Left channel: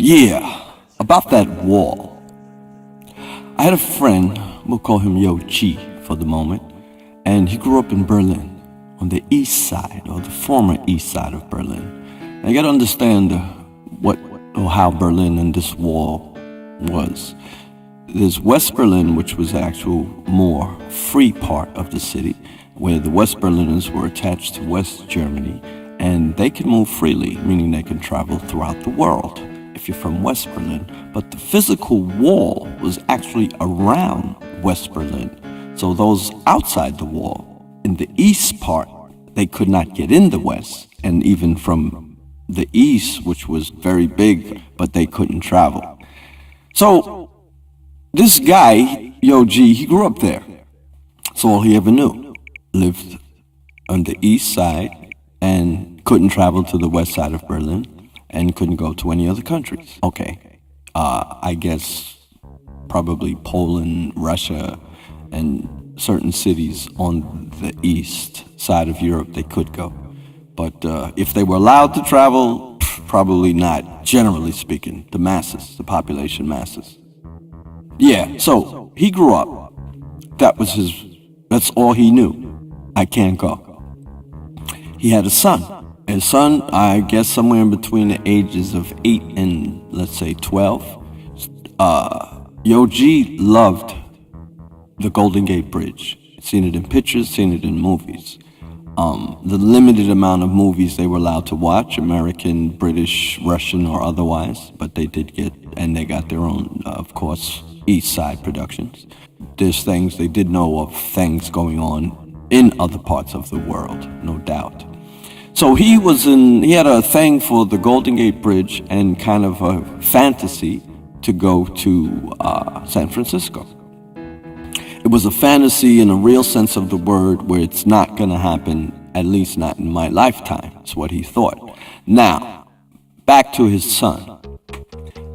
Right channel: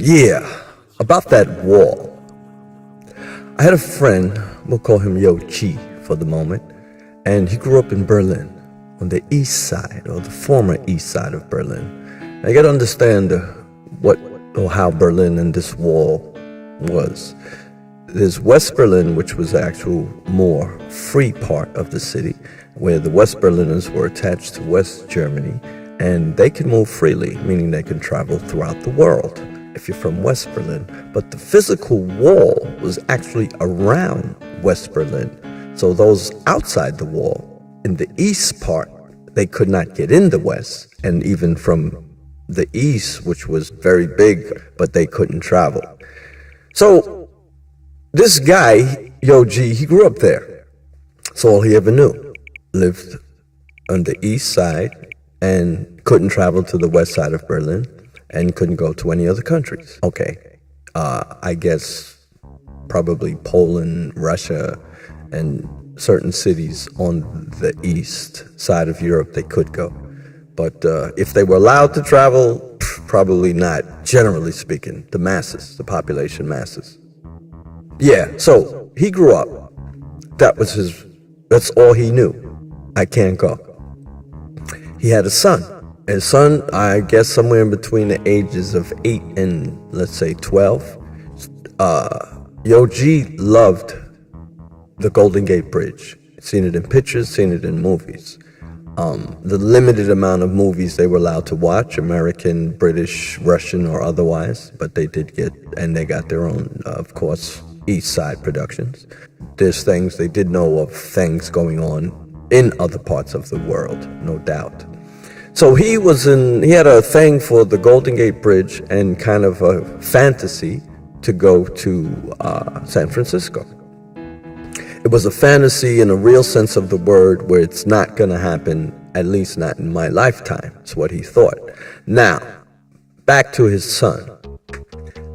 Yeah, about that wall. I had a friend, we'll call him Yo Chi for the moment, and he grew up in Berlin, on the east side, or the former east side of Berlin. Now you gotta understand what or how Berlin and this wall was. There's West Berlin, which was the actual more free part of the city, where the West Berliners were attached to West Germany, and they can move freely, meaning they can travel throughout the world if you're from West Berlin. But the physical wall was actually around West Berlin. So those outside the wall, in the east part, they could not get in the west, and even from the east, which was very big, but they couldn't travel. So this guy, Yo G, he grew up there. That's all he ever knew. Lived on the east side and couldn't travel to the west side of Berlin and couldn't go to any other countries. Okay, I guess probably Poland, Russia, and certain cities on the east side of Europe they could go. But if they were allowed to travel, probably not, generally speaking, the masses, the population masses. Yeah, so he grew up. That's all he knew. I can't go. He had a son. His son, I guess somewhere in between the ages of 8 and, let's say, 12. Yo G loved the Golden Gate Bridge. Seen it in pictures, seen it in movies. The limited amount of movies they were allowed to watch, American, British, Russian, or otherwise, but they did get, and they got their own, of course, East Side productions. There's things, they did know of things going on in other parts of the world, no doubt. So he had a thing for the Golden Gate Bridge and kind of a fantasy to go to San Francisco. It was a fantasy in a real sense of the word, where it's not going to happen, at least not in my lifetime. That's what he thought. Now, back to his son.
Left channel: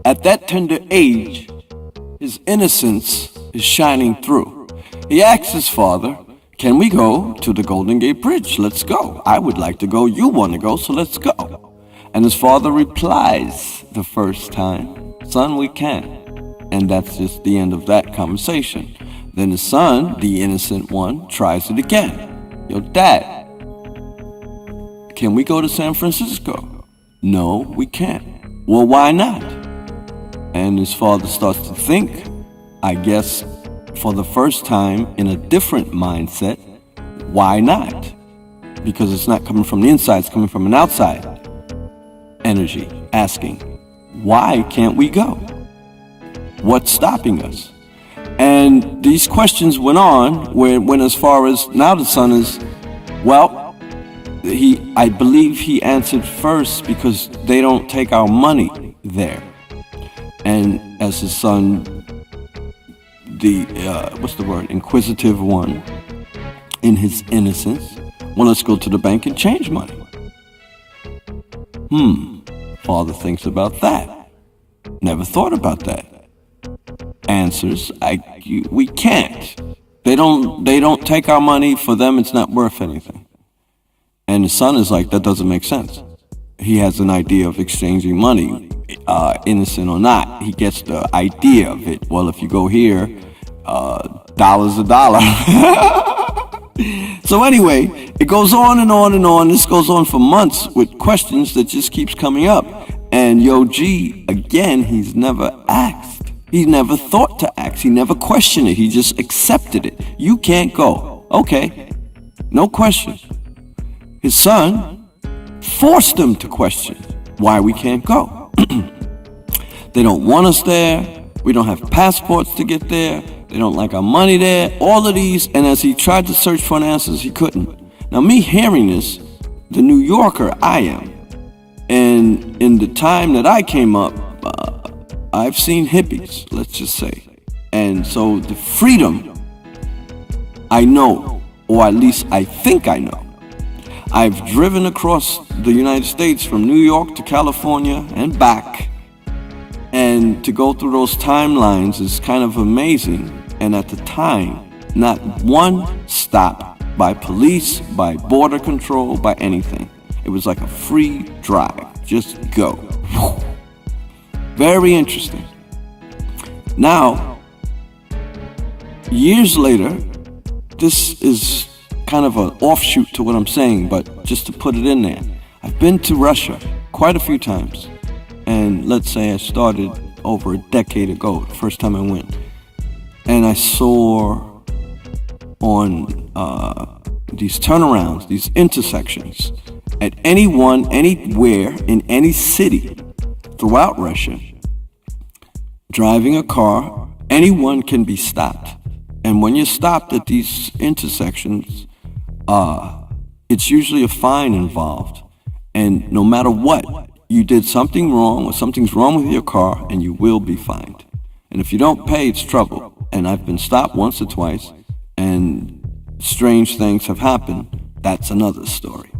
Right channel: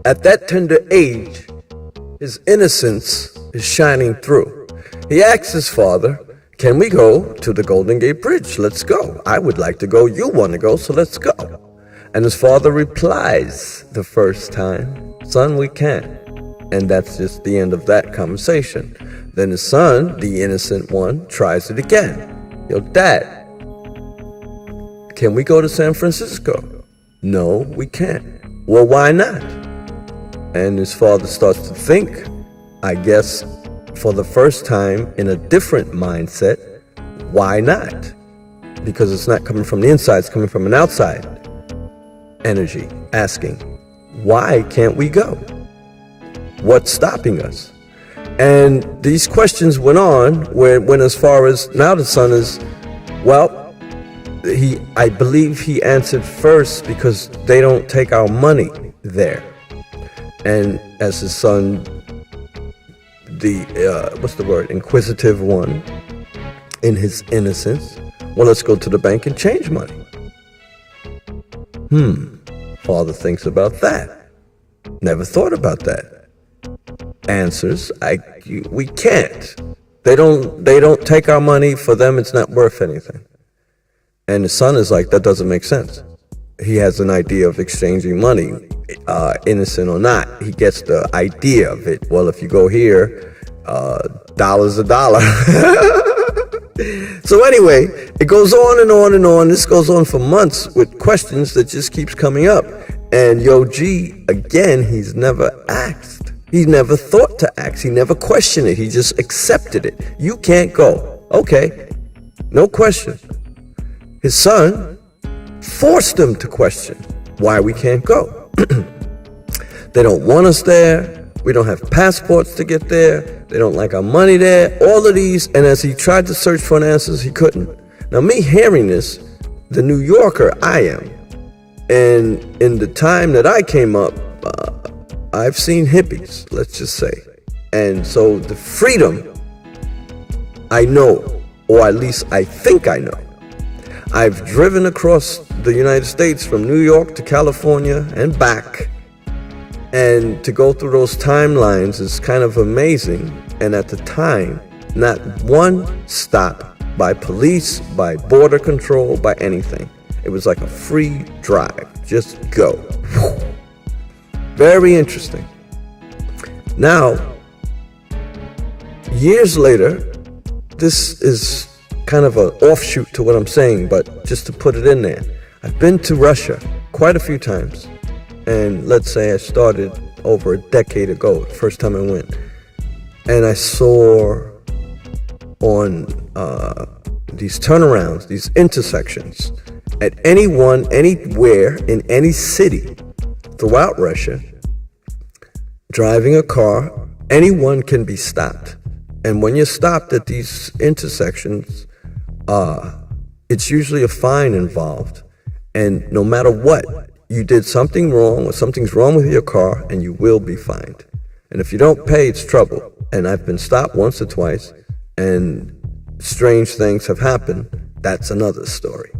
At that tender age, his innocence is shining through. He asks his father, "Can we go to the Golden Gate Bridge? Let's go. I would like to go. You want to go, so let's go." And his father replies the first time, "Son, we can't." And that's just the end of that conversation. Then his son, the innocent one, tries it again. "Yo, Dad, can we go to San Francisco?" "No, we can't." "Well, why not?" And his father starts to think, I guess for the first time in a different mindset, why not? Because it's not coming from the inside, it's coming from an outside energy, asking, why can't we go? What's stopping us? And these questions went on, when as far as now the son is, well, I believe he answered first because they don't take our money there. And as his son, the inquisitive one, in his innocence, well, let's go to the bank and change money. Father thinks about that. Never thought about that. Answers, we can't. They don't take our money. For them, it's not worth anything. And the son is like, that doesn't make sense. He has an idea of exchanging money, innocent or not. He gets the idea of it. Well, if you go here, dollar's a dollar. So anyway, it goes on and on and on. This goes on for months with questions that just keeps coming up. And Yo G, again, he's never asked. He never thought to ask. He never questioned it. He just accepted it. You can't go. Okay, no question. His son forced him to question why we can't go. They don't want us there. We don't have passports to get there. They don't like our money there. All of these, and as he tried to search for answers, he couldn't. Now, me hearing this, the New Yorker I am, and in the time that I came up, I've seen hippies, let's just say. And so the freedom, I know, or at least I think I know. I've driven across the United States from New York to California and back. And to go through those timelines is kind of amazing. And at the time, not one stop by police, by border control, by anything. It was like a free drive. Just go. Very interesting. Now, years later, this is kind of an offshoot to what I'm saying, but just to put it in there, I've been to Russia quite a few times. And let's say I started over a decade ago, the first time I went. And I saw on these turnarounds, these intersections, at anyone, anywhere, in any city throughout Russia, driving a car, anyone can be stopped. And when you're stopped at these intersections, it's usually a fine involved. And no matter what, you did something wrong or something's wrong with your car, and you will be fined. And if you don't pay, it's trouble. And I've been stopped once or twice, and strange things have happened. That's another story.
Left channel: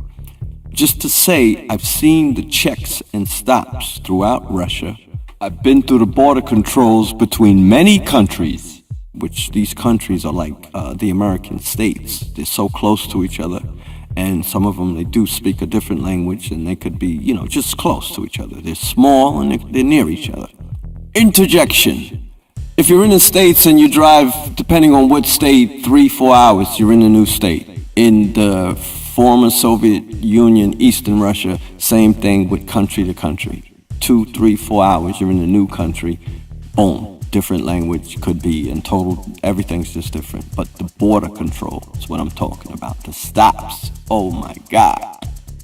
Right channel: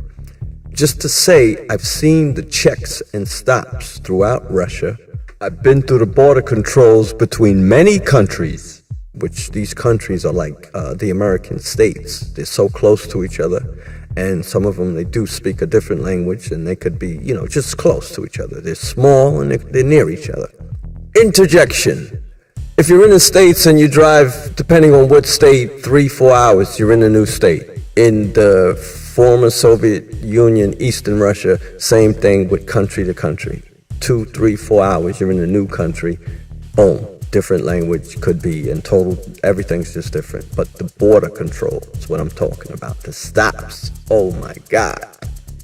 Just to say, I've seen the checks and stops throughout Russia. I've been through the border controls between many countries, which these countries are like the American states. They're so close to each other, and some of them, they do speak a different language, and they could be, just close to each other. They're small, and they're near each other. Interjection. If you're in the States and you drive, depending on what state, 3-4 hours, you're in a new state. In the former Soviet Union, Eastern Russia, same thing with country to country. 2, 3, 4 hours, you're in a new country. Boom, different language, could be in total, everything's just different. But the border control is what I'm talking about. The stops, oh my God.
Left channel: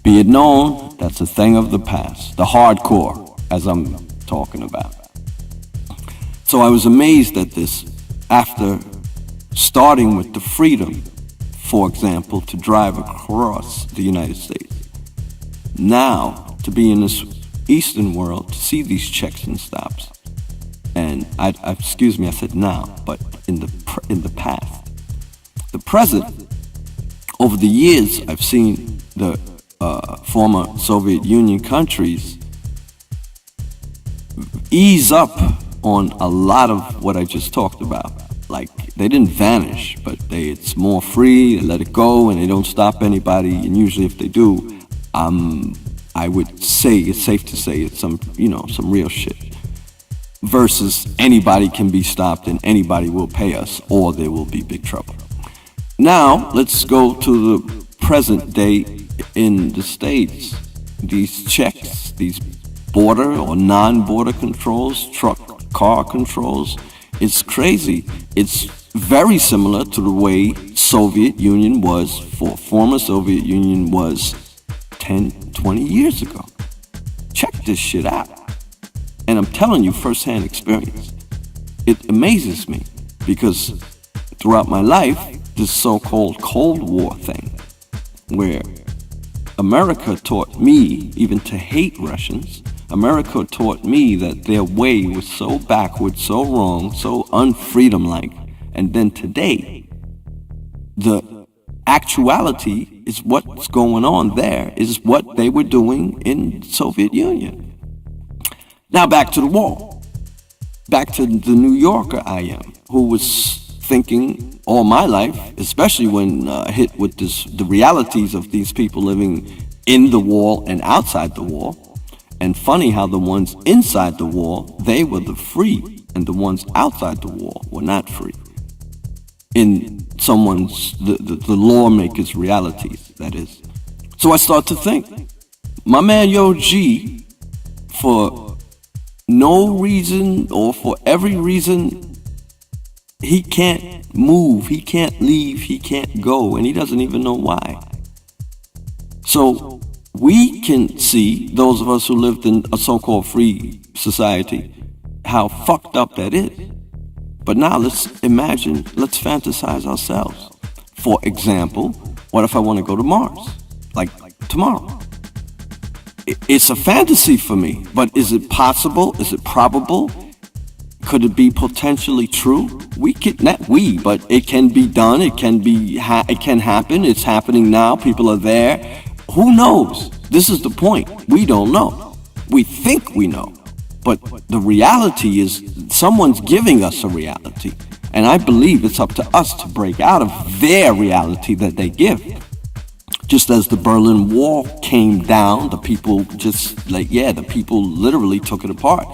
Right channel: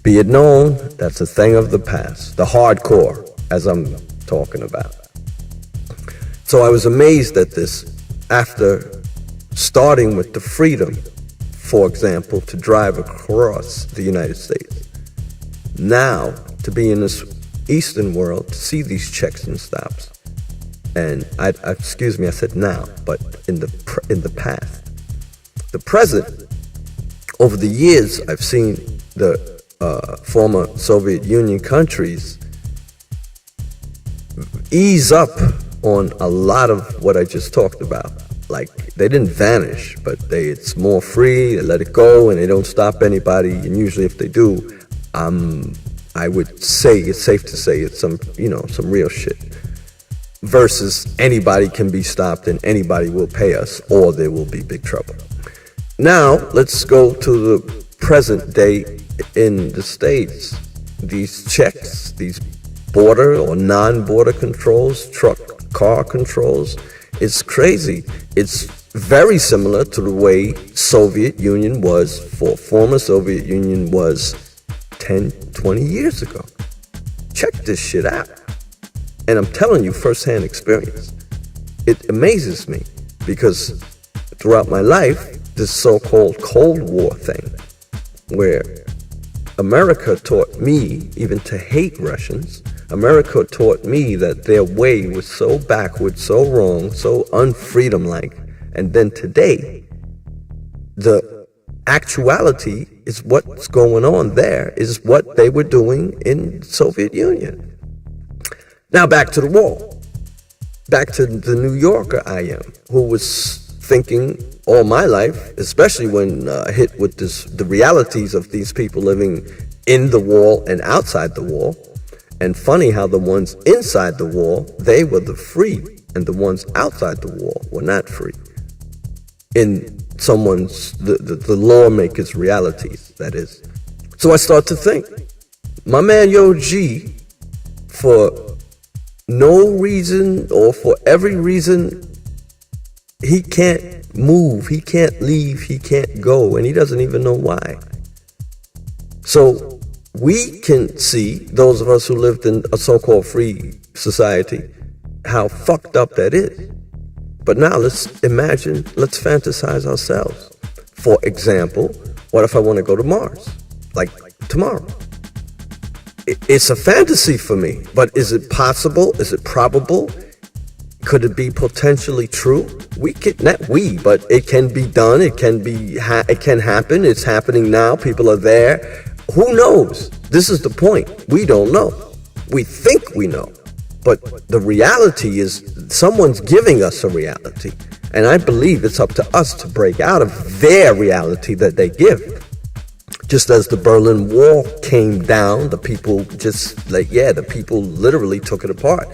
Be it known, that's a thing of the past. The hardcore, as I'm talking about. So I was amazed at this after starting with the freedom, for example, to drive across the United States. Now, to be in this Eastern world, to see these checks and stops. And excuse me, I said now, but in the past. The present, over the years, I've seen the former Soviet Union countries ease up on a lot of what I just talked about. Like, they didn't vanish, but it's more free, they let it go, and they don't stop anybody. And usually if they do, I would say, it's safe to say it's some real shit. Versus anybody can be stopped and anybody will pay us, or there will be big trouble. Now, let's go to the present day in the States. These checks, these border or non-border controls, car controls, it's crazy. It's very similar to the way Soviet Union was, for former Soviet Union was 10, 20 years ago. Check this shit out. And I'm telling you, firsthand experience. It amazes me because throughout my life, this so-called Cold War thing, where America taught me even to hate Russians. America taught me that their way was so backward, so wrong, so unfreedom-like. And then today, the actuality is what's going on there, is what they were doing in Soviet Union. Now back to the wall. Back to the New Yorker I am, who was thinking all my life, especially when hit with the realities of these people living in the wall and outside the wall. And funny how the ones inside the wall, they were the free, and the ones outside the wall were not free. In someone's, the lawmaker's realities, that is. So I start to think, my man Yo G, for no reason or for every reason, he can't move, he can't leave, he can't go, and he doesn't even know why. So we can see, those of us who lived in a so-called free society, how fucked up that is. But now let's imagine, let's fantasize ourselves. For example, what if I want to go to Mars? Like tomorrow. It's a fantasy for me, but is it possible? Is it probable? Could it be potentially true? We can, not we, but it can be done. It can be, it can happen. It's happening now. People are there. Who knows? This is the point. We don't know. We think we know. But the reality is someone's giving us a reality. And I believe it's up to us to break out of their reality that they give. Just as the Berlin Wall came down, the people just the people literally took it apart.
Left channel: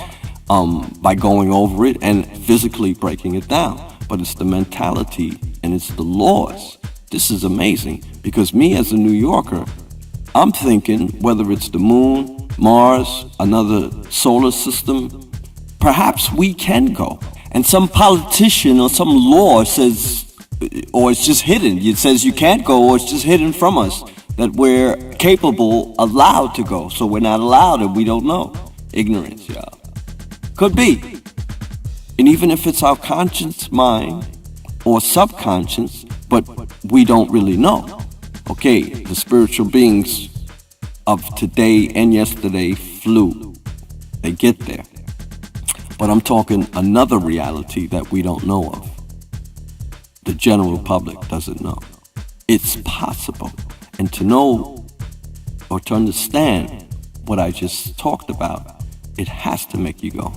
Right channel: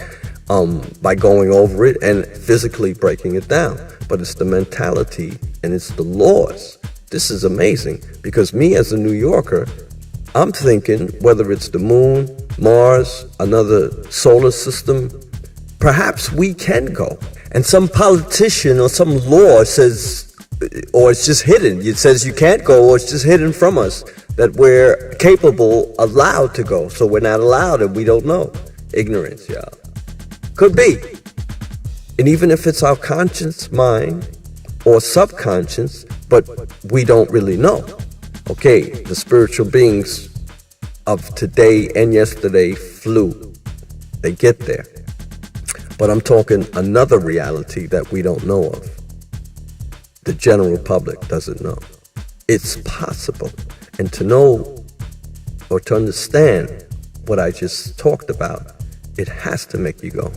by going over it and physically breaking it down. But it's the mentality and it's the laws. This is amazing because me as a New Yorker, I'm thinking whether it's the moon, Mars, another solar system, perhaps we can go. And some politician or some law says, or it's just hidden. It says you can't go, or it's just hidden from us that we're capable, allowed to go. So we're not allowed and we don't know. Ignorance, y'all. Could be. And even if it's our conscious mind or subconscious, but we don't really know. Okay, the spiritual beings of today and yesterday flew. They get there. But I'm talking another reality that we don't know of. The general public doesn't know. It's possible. And to know or to understand what I just talked about, it has to make you go,